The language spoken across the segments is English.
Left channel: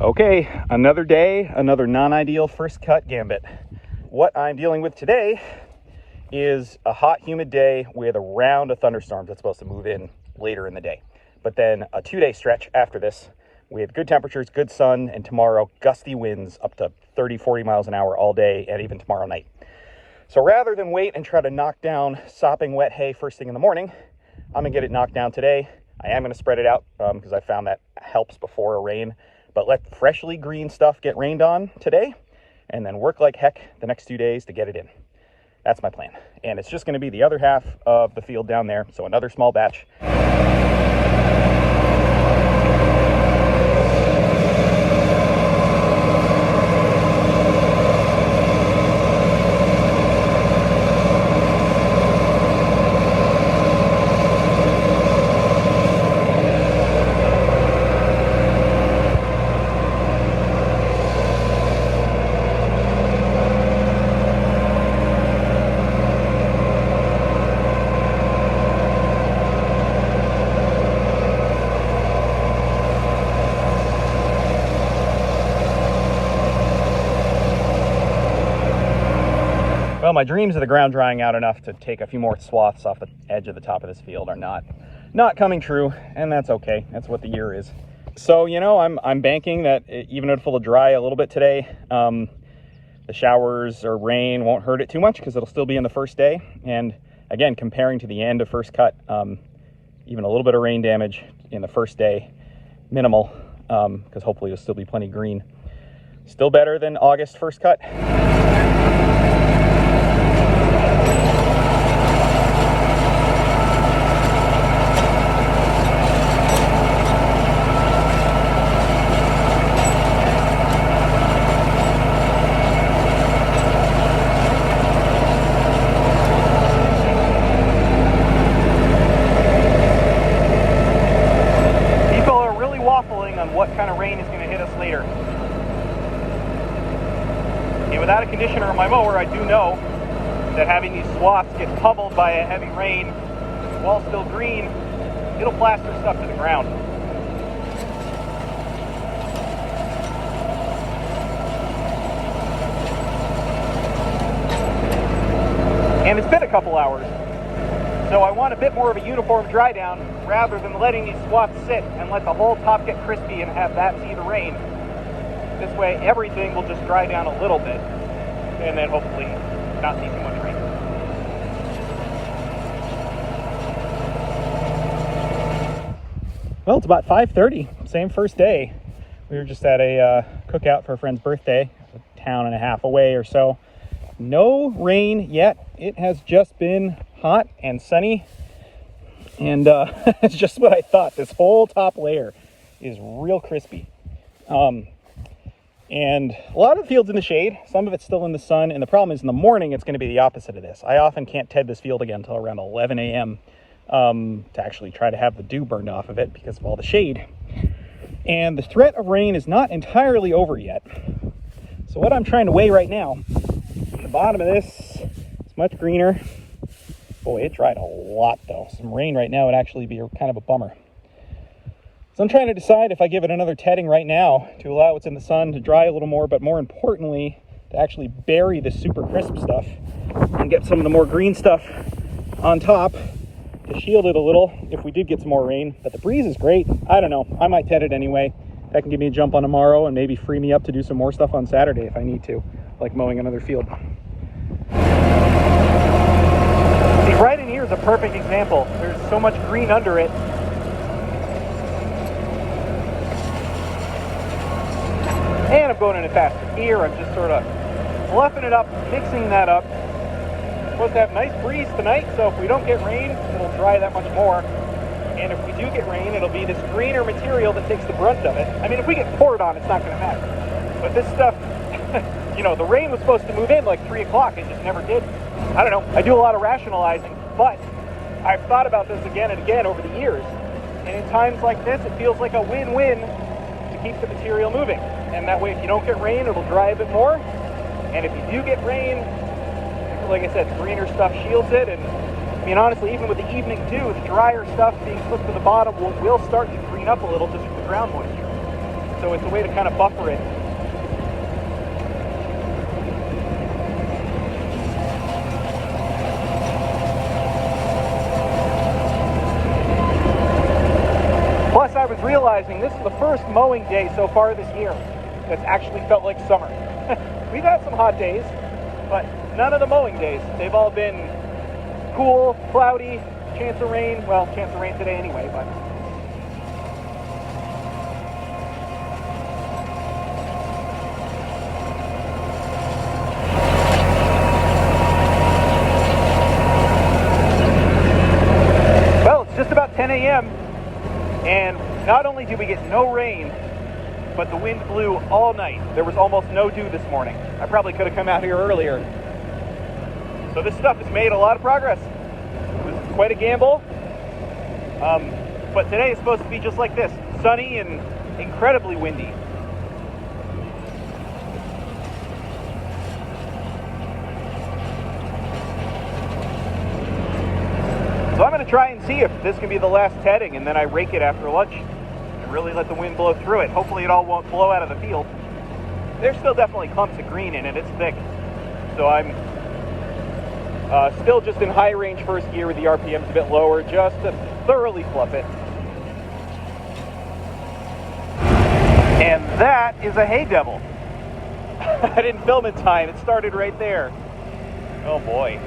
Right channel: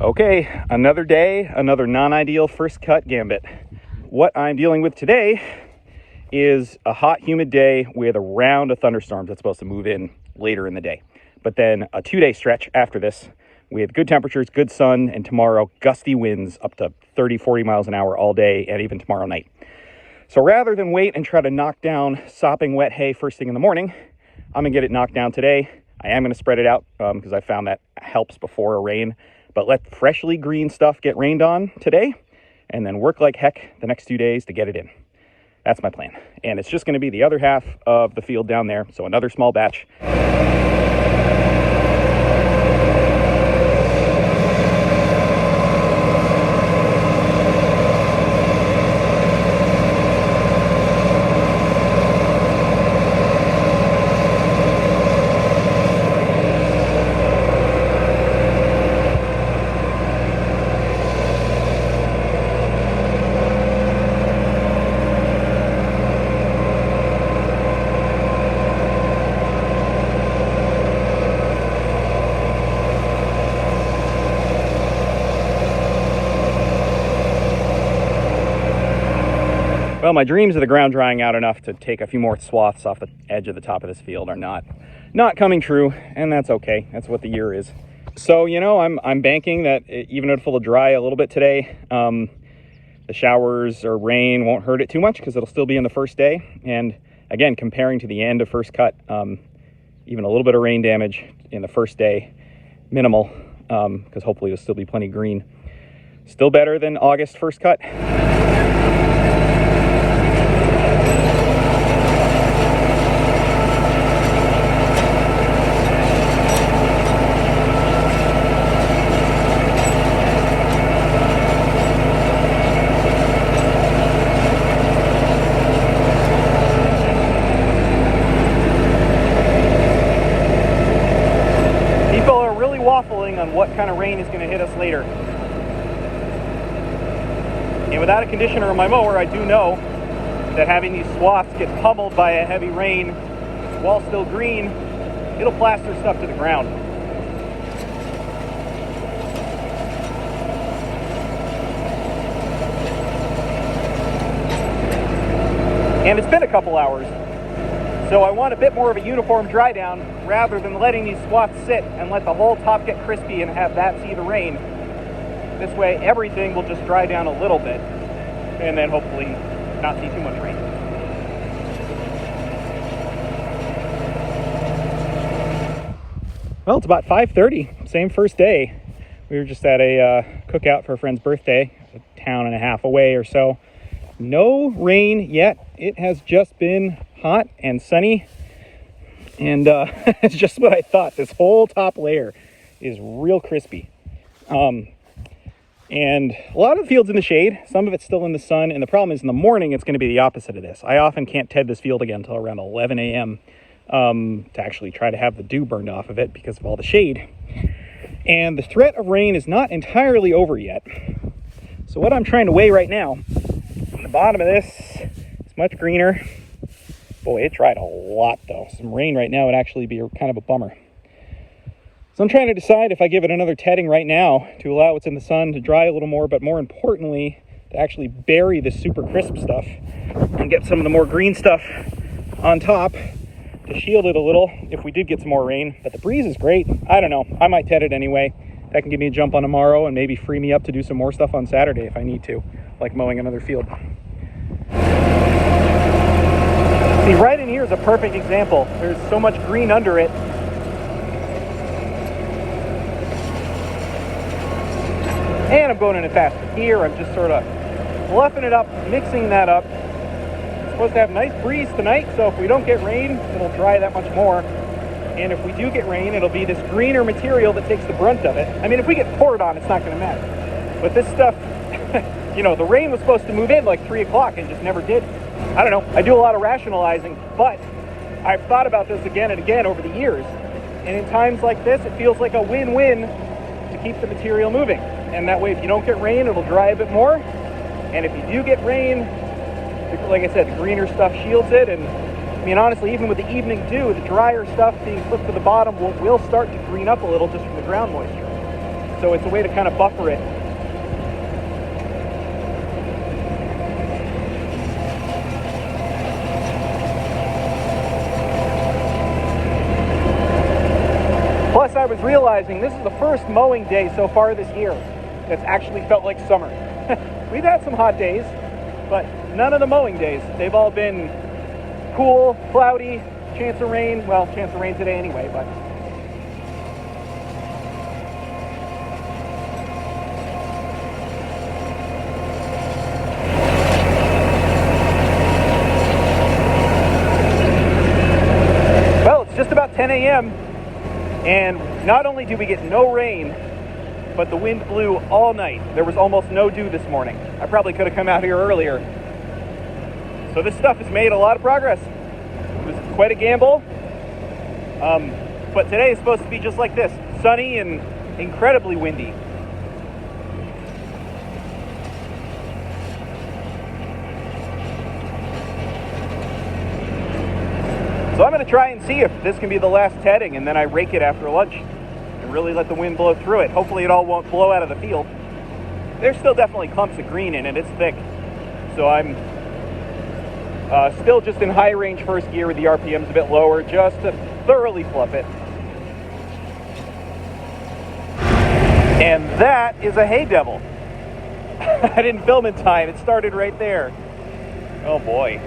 Okay, another day, another non-ideal first cut gambit. What I'm dealing with today is a hot, humid day with a round of thunderstorms that's supposed to move in later in the day. But then a 2-day stretch after this with good temperatures, good sun, and tomorrow gusty winds up to 30, 40 miles an hour all day and even tomorrow night. So rather than wait and try to knock down sopping wet hay first thing in the morning, I'm gonna get it knocked down today. I am gonna spread it out because I found that helps before a rain. But let freshly green stuff get rained on today and then work like heck the next 2 days to get it in. That's my plan. And it's just going to be the other half of the field down there. So another small batch. Well, my dreams of the ground drying out enough to take a few more swaths off the edge of the top of this field are not coming true, and that's okay. That's what the year is. So, you know, I'm banking that even if it'll dry a little bit today, the showers or rain won't hurt it too much because it'll still be in the first day. And again, comparing to the end of first cut, even a little bit of rain damage in the first day, minimal, because hopefully there'll still be plenty green. Still better than August first cut. What kind of rain is going to hit us later. And without a conditioner on my mower, I do know that having these swaths get pummeled by a heavy rain while still green, it'll plaster stuff to the ground. And it's been a couple hours, so I want a bit more of a uniform dry down rather than letting these swaths sit and let the whole top get crispy and have that see the rain. This way everything will just dry down a little bit and then hopefully not see too much rain. Well, it's about 5:30, same first day. We were just at a cookout for a friend's birthday, a town and a half away or so. No rain yet. It has just been hot and sunny. And it's just what I thought. This whole top layer is real crispy. And a lot of the field's in the shade. Some of it's still in the sun. And the problem is in the morning, it's going to be the opposite of this. I often can't ted this field again until around 11 a.m. To actually try to have the dew burned off of it because of all the shade. And the threat of rain is not entirely over yet. So what I'm trying to weigh right now, on the bottom of this, it's much greener. Boy, it dried a lot though. Some rain right now would actually be kind of a bummer. So I'm trying to decide if I give it another tedding right now to allow what's in the sun to dry a little more, but more importantly, to actually bury the super crisp stuff and get some of the more green stuff on top to shield it a little if we did get some more rain. But the breeze is great. I don't know. I might ted it anyway. That can give me a jump on tomorrow and maybe free me up to do some more stuff on Saturday if I need to, like mowing another field. See, right in here is a perfect example. There's so much green under it. And I'm going in it faster. Here, I'm just sort of fluffing it up, mixing that up. It's supposed to have a nice breeze tonight, so if we don't get rain, it'll dry that much more. And if we do get rain, it'll be this greener material that takes the brunt of it. I mean, if we get poured on, it's not going to matter. But this stuff, you know, the rain was supposed to move in like 3 o'clock and just never did. I don't know. I do a lot of rationalizing, but I've thought about this again and again over the years. And in times like this, it feels like a win-win to keep the material moving. And that way, if you don't get rain, it'll dry a bit more. And if you do get rain, like I said, the greener stuff shields it. And I mean, honestly, even with the evening dew, the drier stuff being pushed to the bottom will start to green up a little just from the ground moisture. so it's a way to kind of buffer it. Plus, I was realizing this is the first mowing day so far this year that's actually felt like summer. We've had some hot days, but none of the mowing days. They've all been cool, cloudy, chance of rain. Well, chance of rain today anyway, but well, it's just about 10 a.m. and not only did we get no rain, but the wind blew all night. There was almost no dew this morning. I probably could have come out here earlier. So this stuff has made a lot of progress. It was quite a gamble. But today is supposed to be just like this, sunny and incredibly windy. So I'm going to try and see if this can be the last tedding, and then I rake it after lunch and really let the wind blow through it. Hopefully it all won't blow out of the field. There's still definitely clumps of green in it. It's thick. So I'm still just in high range first gear with the RPMs a bit lower, just to thoroughly fluff it. And that is a hay devil. I didn't film in time. It started right there. Oh boy.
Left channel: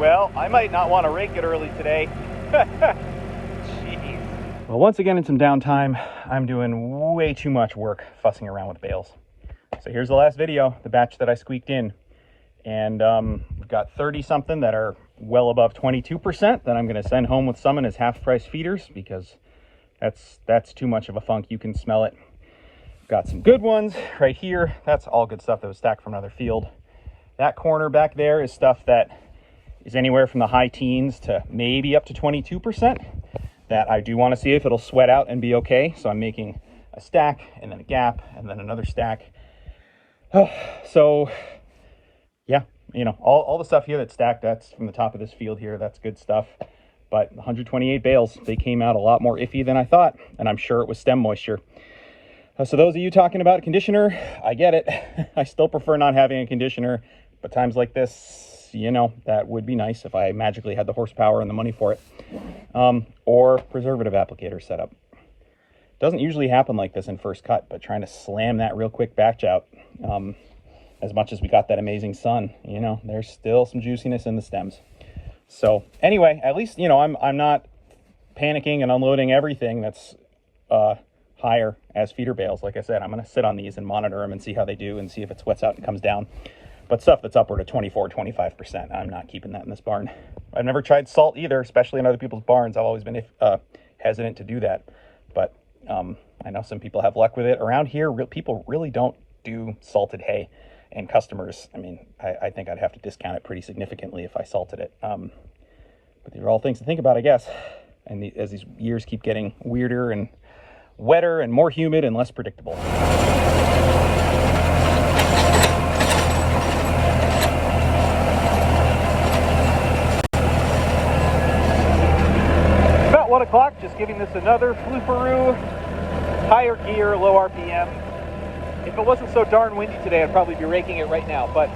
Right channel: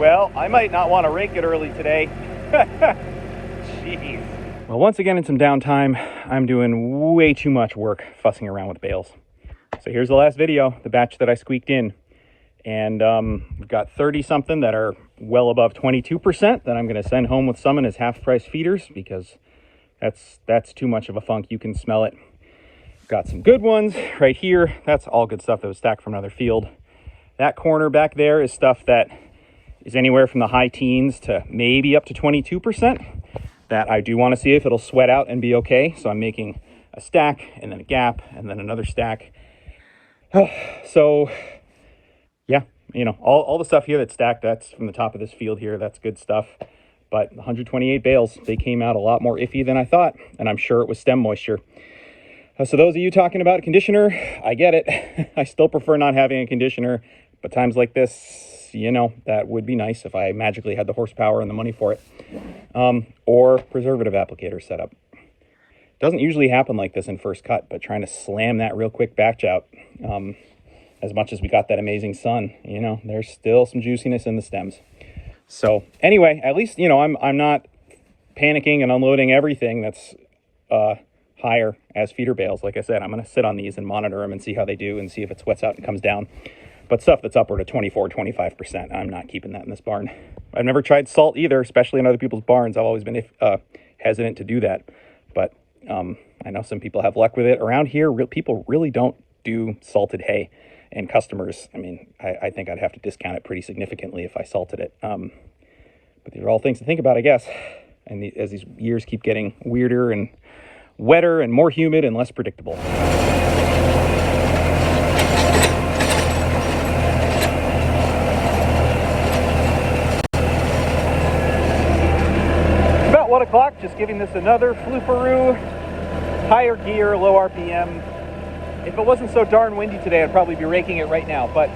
Well, I might not want to rake it early today. Jeez. Well, once again in some downtime, I'm doing way too much work fussing around with bales. So here's the last video, the batch that I squeaked in. And we've got 30-something that are well above 22% that I'm going to send home with Summon as half-price feeders, because that's too much of a funk. You can smell it. Got some good ones right here. That's all good stuff that was stacked from another field. That corner back there is stuff that is anywhere from the high teens to maybe up to 22%. That I do want to see if it'll sweat out and be okay. So I'm making a stack and then a gap and then another stack. So yeah, you know, all the stuff here that's stacked, that's from the top of this field here. That's good stuff. But 128 bales, they came out a lot more iffy than I thought. And I'm sure it was stem moisture. So those of you talking about a conditioner, I get it. I still prefer not having a conditioner. But times like this, you know, that would be nice if I magically had the horsepower and the money for it. Or preservative applicator setup. Doesn't usually happen like this in first cut, but trying to slam that real quick batch out, as much as we got that amazing sun, you know, there's still some juiciness in the stems. So anyway, at least, you know, I'm not panicking and unloading everything that's higher as feeder bales. Like I said, I'm going to sit on these and monitor them and see how they do and see if it sweats out and comes down. But stuff that's upward of 24-25%, I'm not keeping that in this barn. I've never tried salt either, especially in other people's barns. I've always been hesitant to do that. But I know some people have luck with it. Around here, people really don't do salted hay. And customers, I mean, I think I'd have to discount it pretty significantly if I salted it. But these are all things to think about, I guess. And as these years keep getting weirder and wetter and more humid and less predictable. About 1 o'clock, just giving this another flooperoo, higher gear, low RPM. If it wasn't so darn windy today, I'd probably be raking it right now. But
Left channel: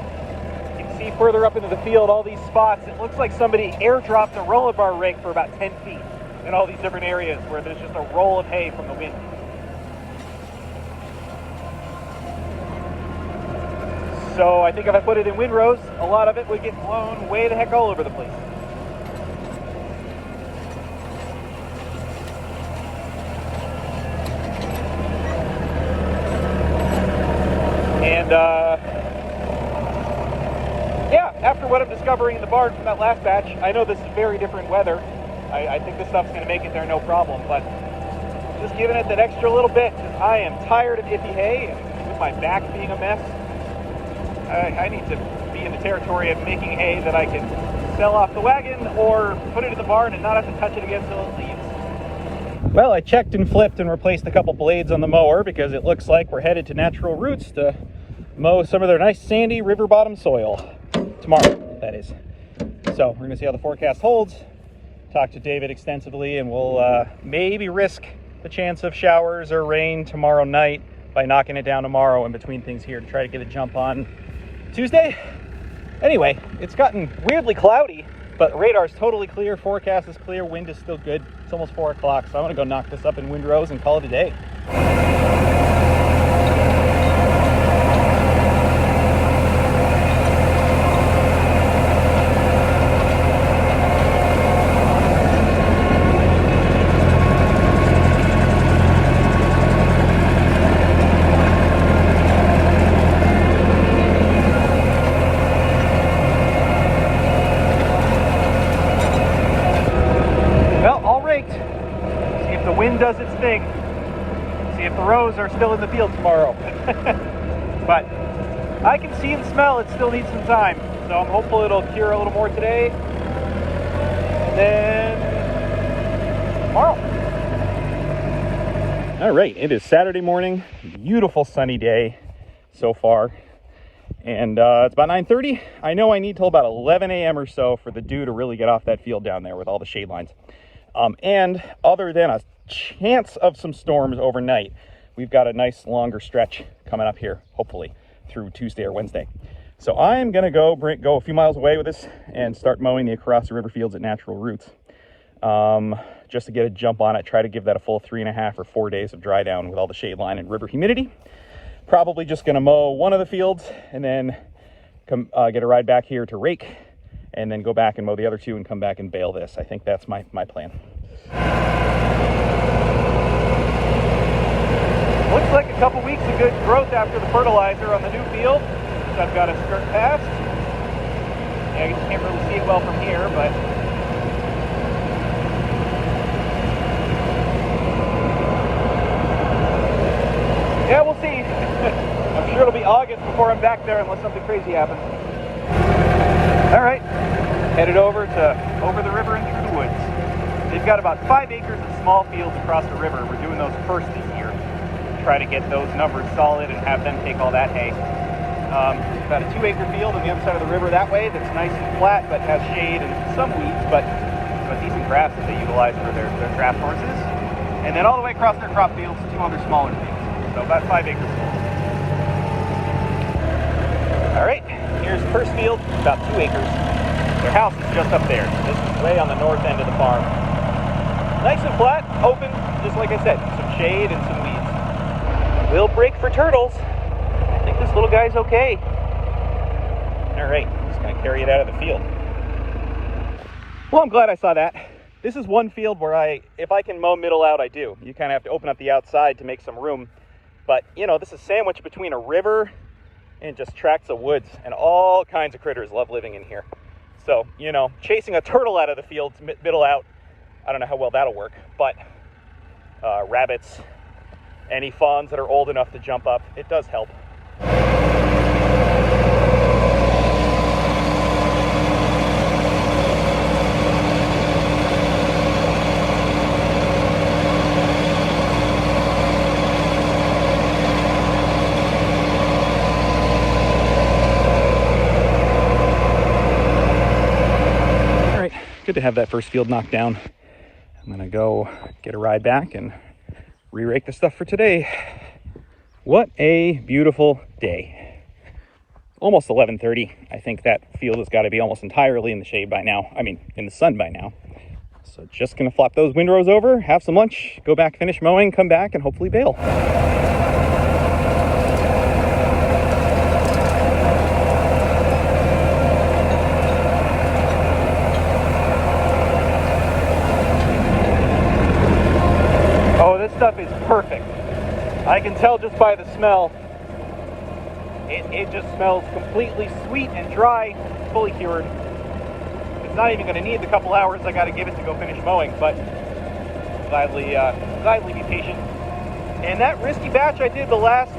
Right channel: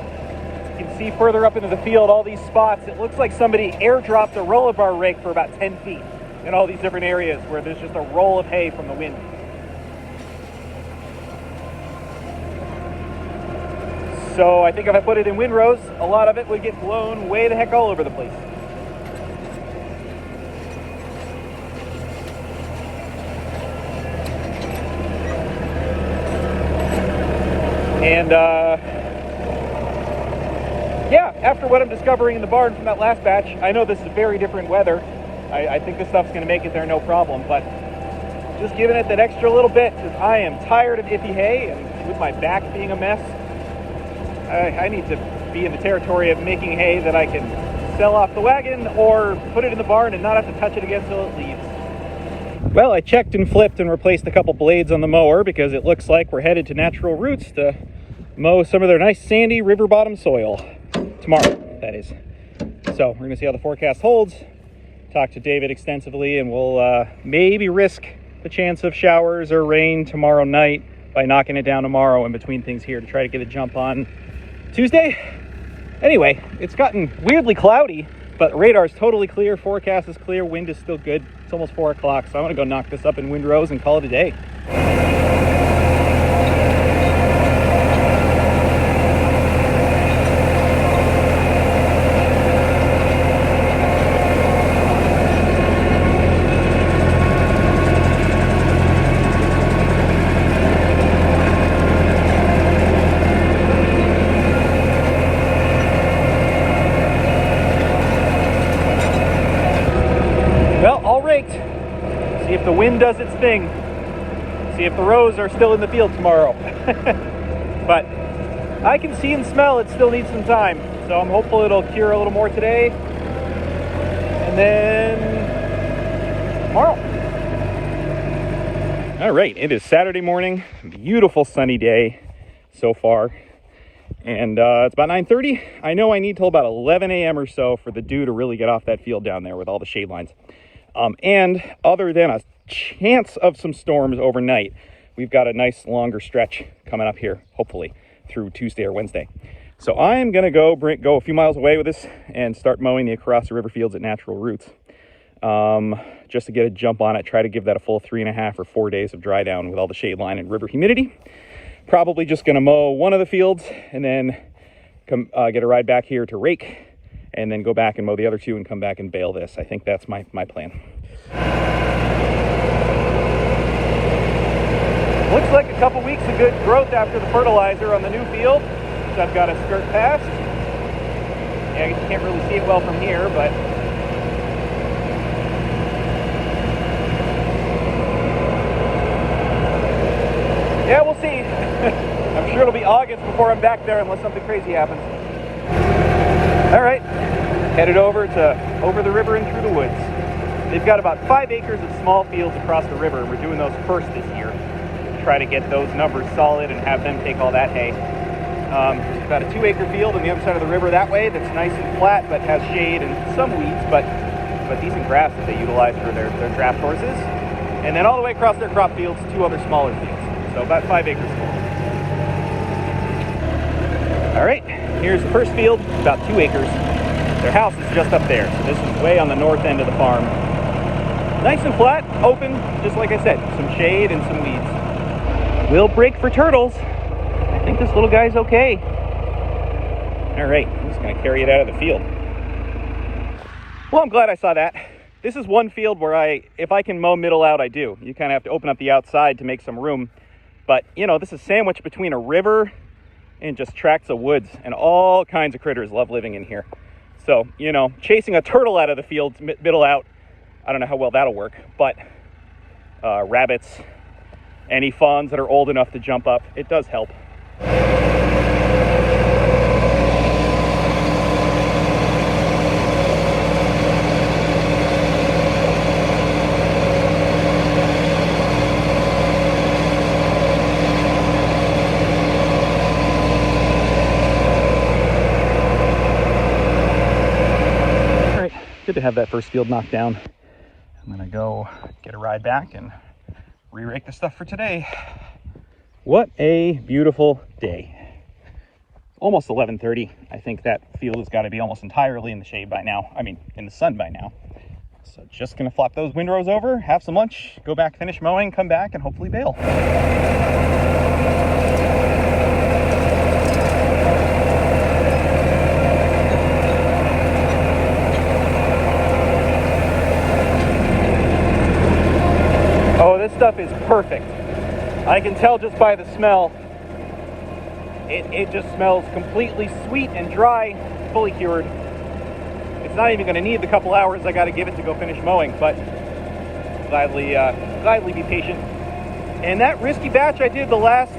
you can see further up into the field, all these spots. It looks like somebody airdropped a roller bar rake for about 10 feet in all these different areas where there's just a roll of hay from the wind. So I think if I put it in windrows, a lot of it would get blown way the heck all over the place. And yeah, after what I'm discovering in the barn from that last batch, I know this is very different weather. I think this stuff's going to make it there no problem, but just giving it that extra little bit because I am tired of iffy hay, and with my back being a mess, I need to be in the territory of making hay that I can sell off the wagon or put it in the barn and not have to touch it again until it leaves. Well, I checked and flipped and replaced a couple blades on the mower because it looks like we're headed to Natural Roots to mow some of their nice sandy river bottom soil tomorrow, that is. So we're gonna see how the forecast holds, talk to David extensively, and we'll maybe risk the chance of showers or rain tomorrow night by knocking it down tomorrow in between things here to try to get a jump on Tuesday. Anyway, it's gotten weirdly cloudy, but radar's totally clear, forecast is clear, wind is still good. It's almost 4 o'clock, so I'm gonna go knock this up in Windrows and call it a day. See if the wind does its thing. See if the rows are still in the field tomorrow. But I can see and smell it still needs some time. So I'm hopeful it'll cure a little more today. And then tomorrow. All right, it is Saturday morning. Beautiful sunny day so far. And it's about 9:30. I know I need till about 11 a.m. or so for the dew to really get off that field down there with all the shade lines. And other than a chance of some storms overnight, we've got a nice longer stretch coming up here, hopefully through Tuesday or Wednesday. So I'm gonna go a few miles away with this and start mowing the across the river fields at natural roots, just to get a jump on it. Try to give that a full 3.5 or 4 days of dry down with all the shade line and river humidity. Probably just gonna mow one of the fields and then come get a ride back here to Rake, and then go back and mow the other two and come back and bale this. I think that's my plan. Looks like a couple weeks of good growth after the fertilizer on the new field, which I've got a skirt past. Yeah, I guess you can't really see it well from here, but yeah, we'll see. I'm sure it'll be August before I'm back there unless something crazy happens. All right, headed over the river and through the woods. They've got about 5 acres of small fields across the river. We're doing those first this year. Try to get those numbers solid and have them take all that hay. We've got a 2-acre field on the other side of the river that way that's nice and flat, that has shade and some weeds, but decent grass that they utilize for their draft horses. And then all the way across their crop fields, 2 other smaller fields. So about 5 acres. All right, here's the first field, about 2 acres. Their house is just up there, so this is way on the north end of the farm. Nice and flat, open, just like I said, some shade and some weeds. We'll break for turtles. I think this little guy's okay. All right, I'm just gonna carry it out of the field. Well, I'm glad I saw that. This is one field where if I can mow middle out, I do. You kind of have to open up the outside to make some room. But, you know, this is sandwiched between a river and just tracts of woods, and all kinds of critters love living in here. So, you know, chasing a turtle out of the field, middle out, I don't know how well that'll work, but rabbits, any fawns that are old enough to jump up, it does help. Good to have that first field knocked down. I'm gonna go get a ride back and re-rake the stuff for today. What a beautiful day. Almost 11:30. I think that field has got to be almost entirely in the shade by now. I mean, in the sun by now. So just gonna flop those windrows over, have some lunch, go back, finish mowing, come back, and hopefully bale. Stuff is perfect. I can tell just by the smell. It just smells completely sweet and dry, fully cured. It's not even going to need the couple hours I got to give it to go finish mowing, but gladly be patient. And that risky batch I did the last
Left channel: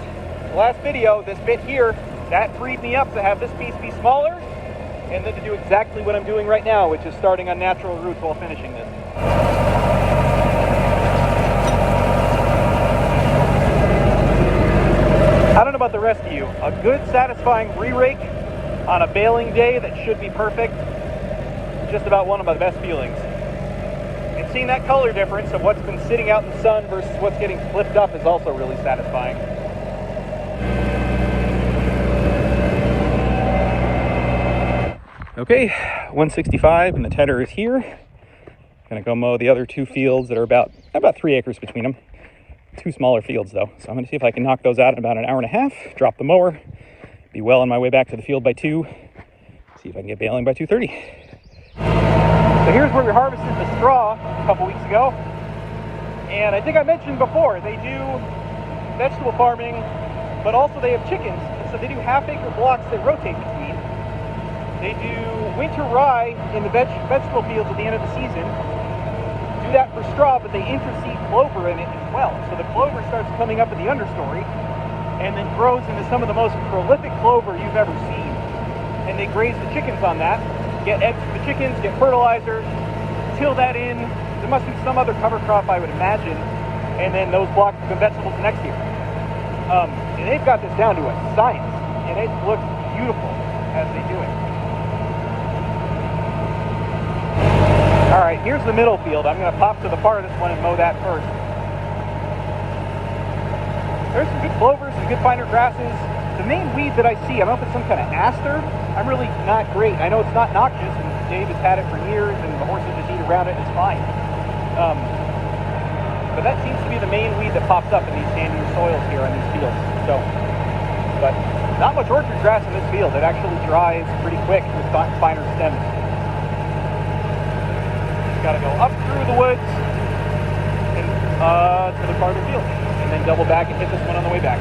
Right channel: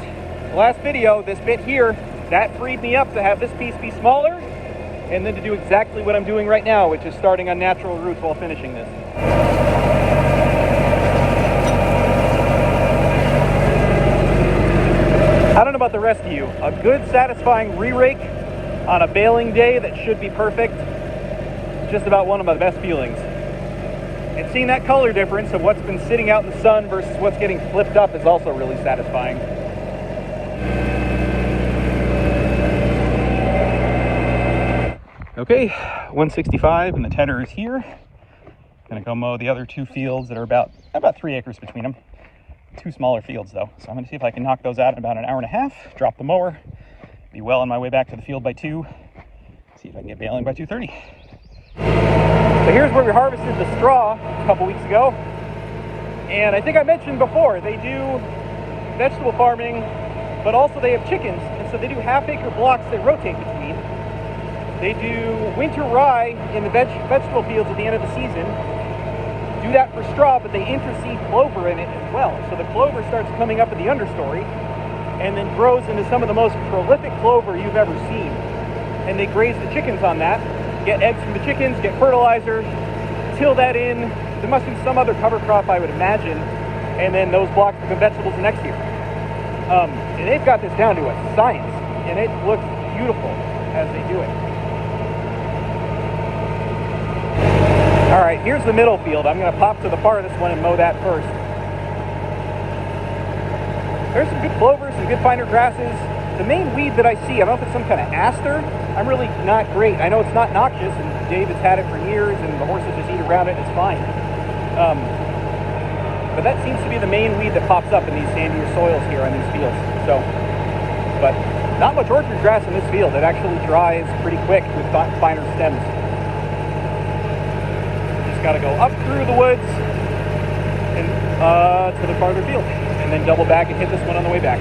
video, this bit here, that freed me up to have this piece be smaller, and then to do exactly what I'm doing right now, which is starting on natural roots while finishing this. I don't know about the rest of you. A good, satisfying re-rake on a baling day that should be perfect. Just about one of my best feelings. And seeing that color difference of what's been sitting out in the sun versus what's getting flipped up is also really satisfying. Okay, 165 and the tedder is here. I'm gonna go mow the other 2 fields that are about 3 acres between them. 2 smaller fields though. So I'm gonna see if I can knock those out in about an hour and a half, drop the mower, be well on my way back to the field by 2, see if I can get baling by 2:30. So here's where we harvested the straw a couple weeks ago. And I think I mentioned before, they do vegetable farming, but also they have chickens. So they do half-acre blocks that rotate between. They do winter rye in the vegetable fields at the end of the season. Do that for straw, but they interseed clover in it as well. So the clover starts coming up in the understory and then grows into some of the most prolific clover you've ever seen. And they graze the chickens on that, get eggs from the chickens, get fertilizer, till that in. There must be some other cover crop, I would imagine, and then those blocks become vegetables next year. And they've got this down to a science, and it looks beautiful as they do it. All right, here's the middle field. I'm going to pop to the farthest one and mow that first. There's some good clovers, some good finer grasses. The main weed that I see, I don't know if it's some kind of aster. I'm really not great. I know it's not noxious, and Dave has had it for years, and the horses just eat around it, it's fine. But that seems to be the main weed that pops up in these sandier soils here on these fields. So, but not much orchard grass in this field. It actually dries pretty quick with finer stems. Just got to go up through the woods and to the farther field, and then double back and hit this one on the way back.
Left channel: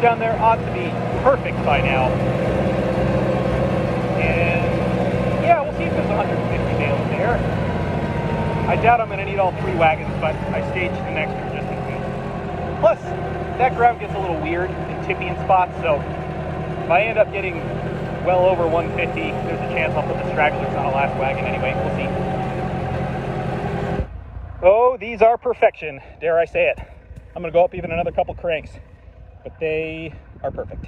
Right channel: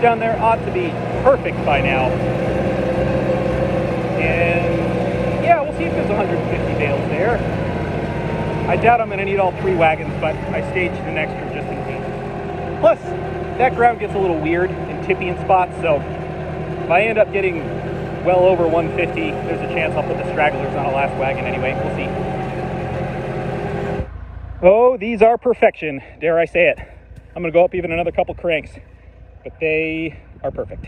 Down there ought to be perfect by now. And yeah, we'll see if there's 150 bales there. I doubt I'm going to need all 3 wagons, but I staged an extra just in case. Plus, that ground gets a little weird and tippy in spots, so if I end up getting well over 150, there's a chance I'll put the stragglers on the last wagon anyway. We'll see. Oh, these are perfection, dare I say it. I'm going to go up even another couple cranks, but they are perfect.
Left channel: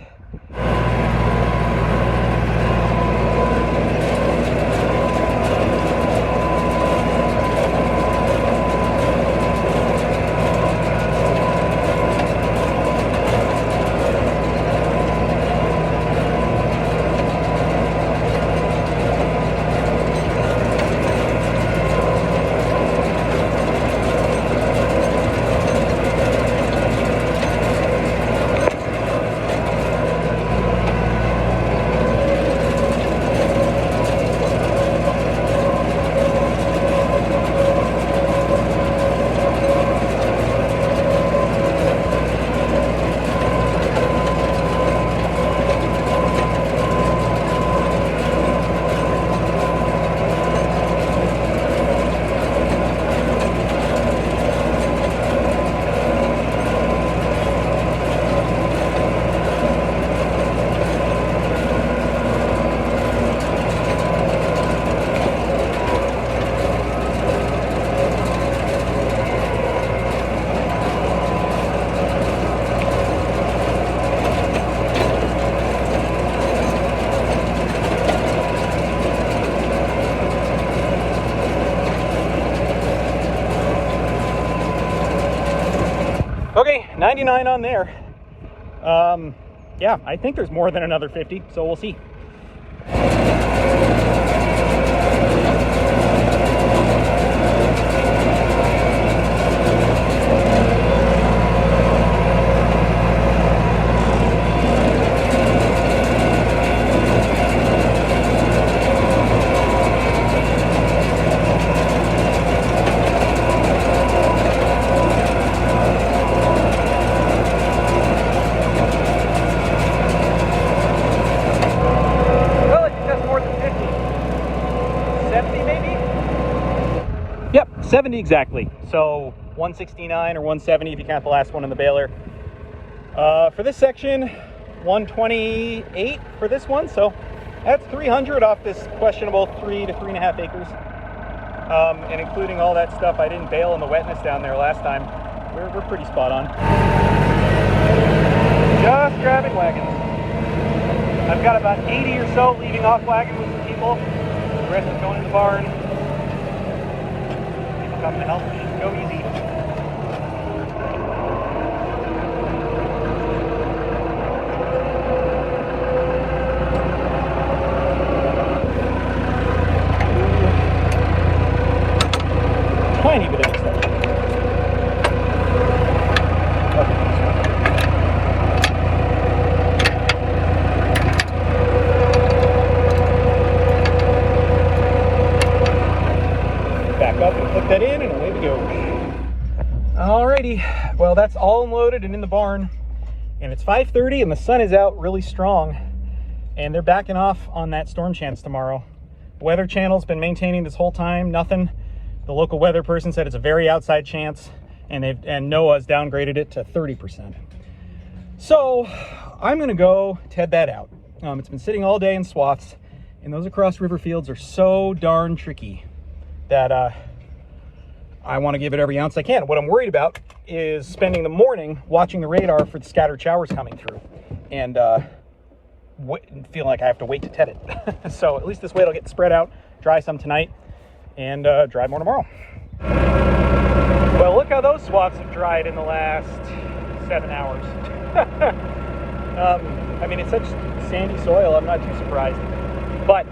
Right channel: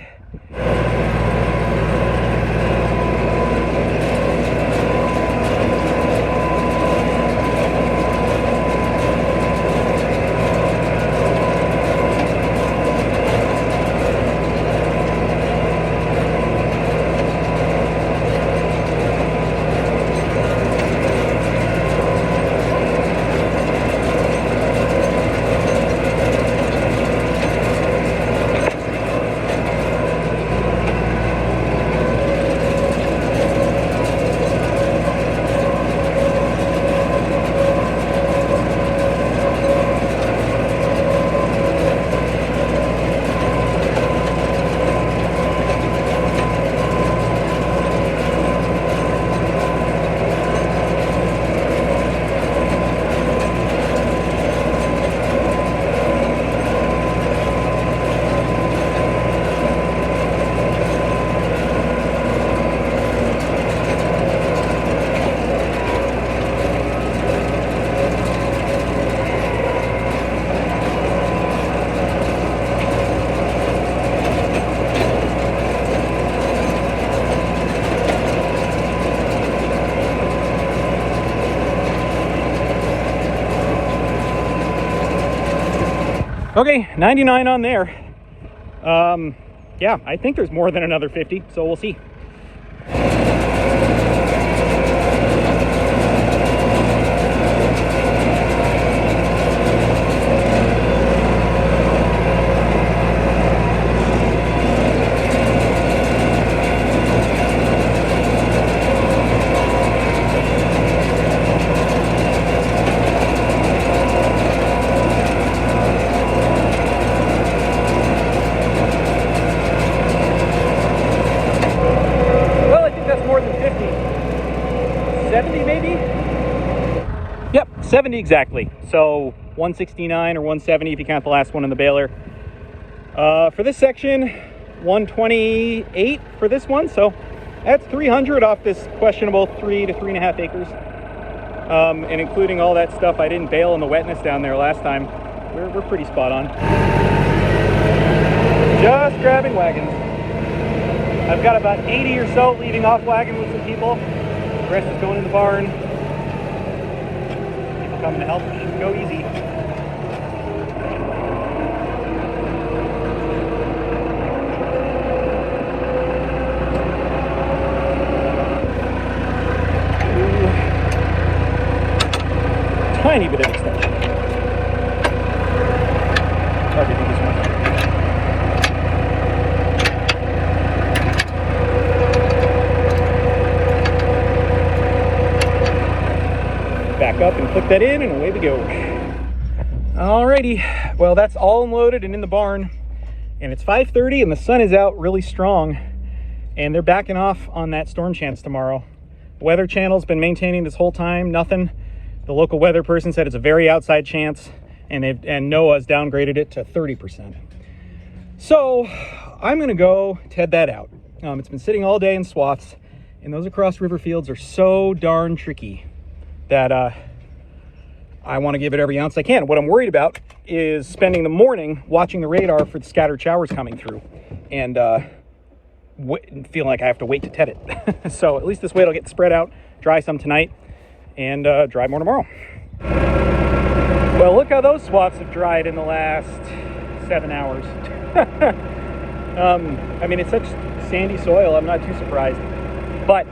Okay, 99 on there. Yeah, I think there's more than another 50, so we'll see. 70 exactly. So 169 or 170 if you count the last one in the Baler. For this section, 128 for this one. So that's 300 off this questionable 3 to 3.5 acres. And including all that stuff I didn't bale in the wetness down there last time, we're pretty spot on. Just grabbing wagons. I've got about 80 or so leading off wagon with some people. The rest is going in the barn. People coming to help. It should go easy. Tiny bit of extension. Okay, this one. Back up and click that in and away we go. Alrighty, well that's all unloaded and in the barn. And it's 5:30 and the sun is out really strong. And they're backing off on that storm chance tomorrow. Weather Channel's been maintaining this whole time, nothing. The local weather person said it's a very outside chance, and NOAA's downgraded it to 30%. So I'm gonna go TED that out. It's been sitting all day in swaths, and those across river fields are so darn tricky that I want to give it every ounce I can. What I'm worried about is spending the morning watching the radar for the scattered showers coming through, and feeling like I have to wait to TED it. So at least this way it'll get spread out, dry some tonight, and dry more tomorrow. Well, look how those swaths have dried in the last 7 hours. I mean, it's such sandy soil, I'm not too surprised. But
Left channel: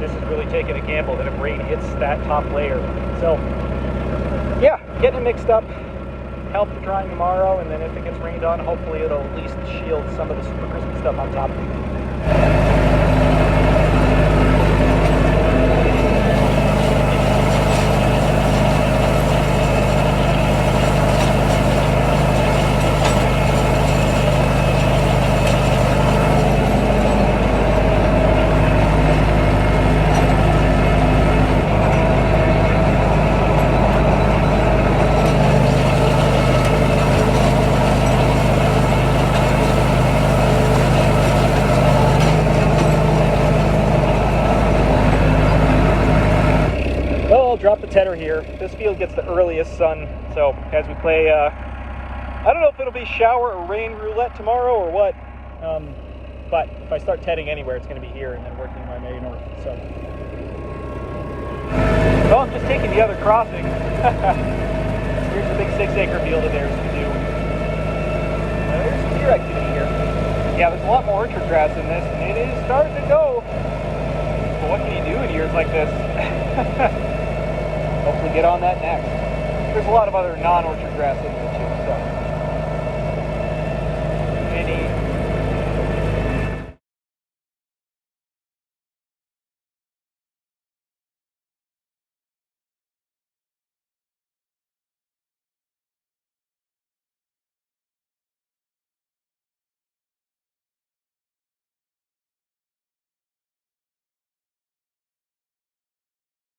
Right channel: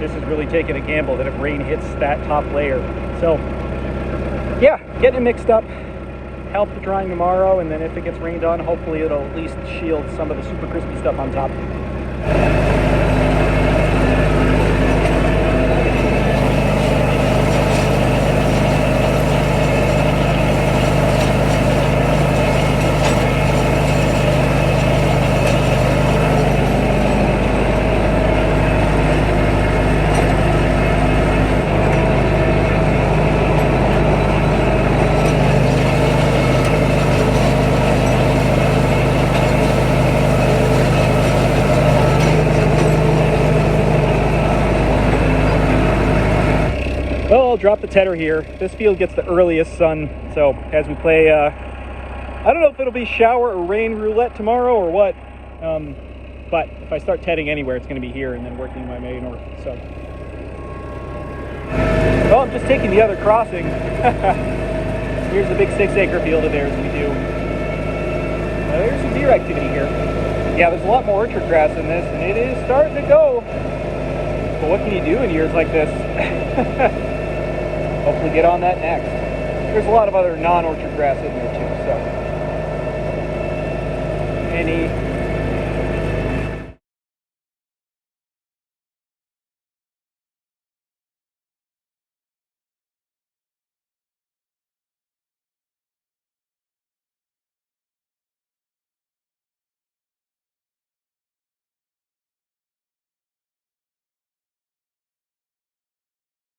this is really taking a gamble that if rain hits that top layer. So, yeah, getting it mixed up. Count the drying tomorrow, and then if it gets rained on, hopefully it'll at least shield some of the super crispy stuff on top. Drop the tedder here. This field gets the earliest sun, so as we play, I don't know if it'll be shower or rain roulette tomorrow or what, but if I start tedding anywhere, it's going to be here and then working my way north. So, well, I'm just taking the other crossing. Here's the big 6-acre field of theirs we do. There's some deer activity here. Yeah, there's a lot more orchard grass in this, and it is starting to go. But what can you do in years like this? Hopefully get on that next. There's a lot of other non-orchard grass in there too, so. Any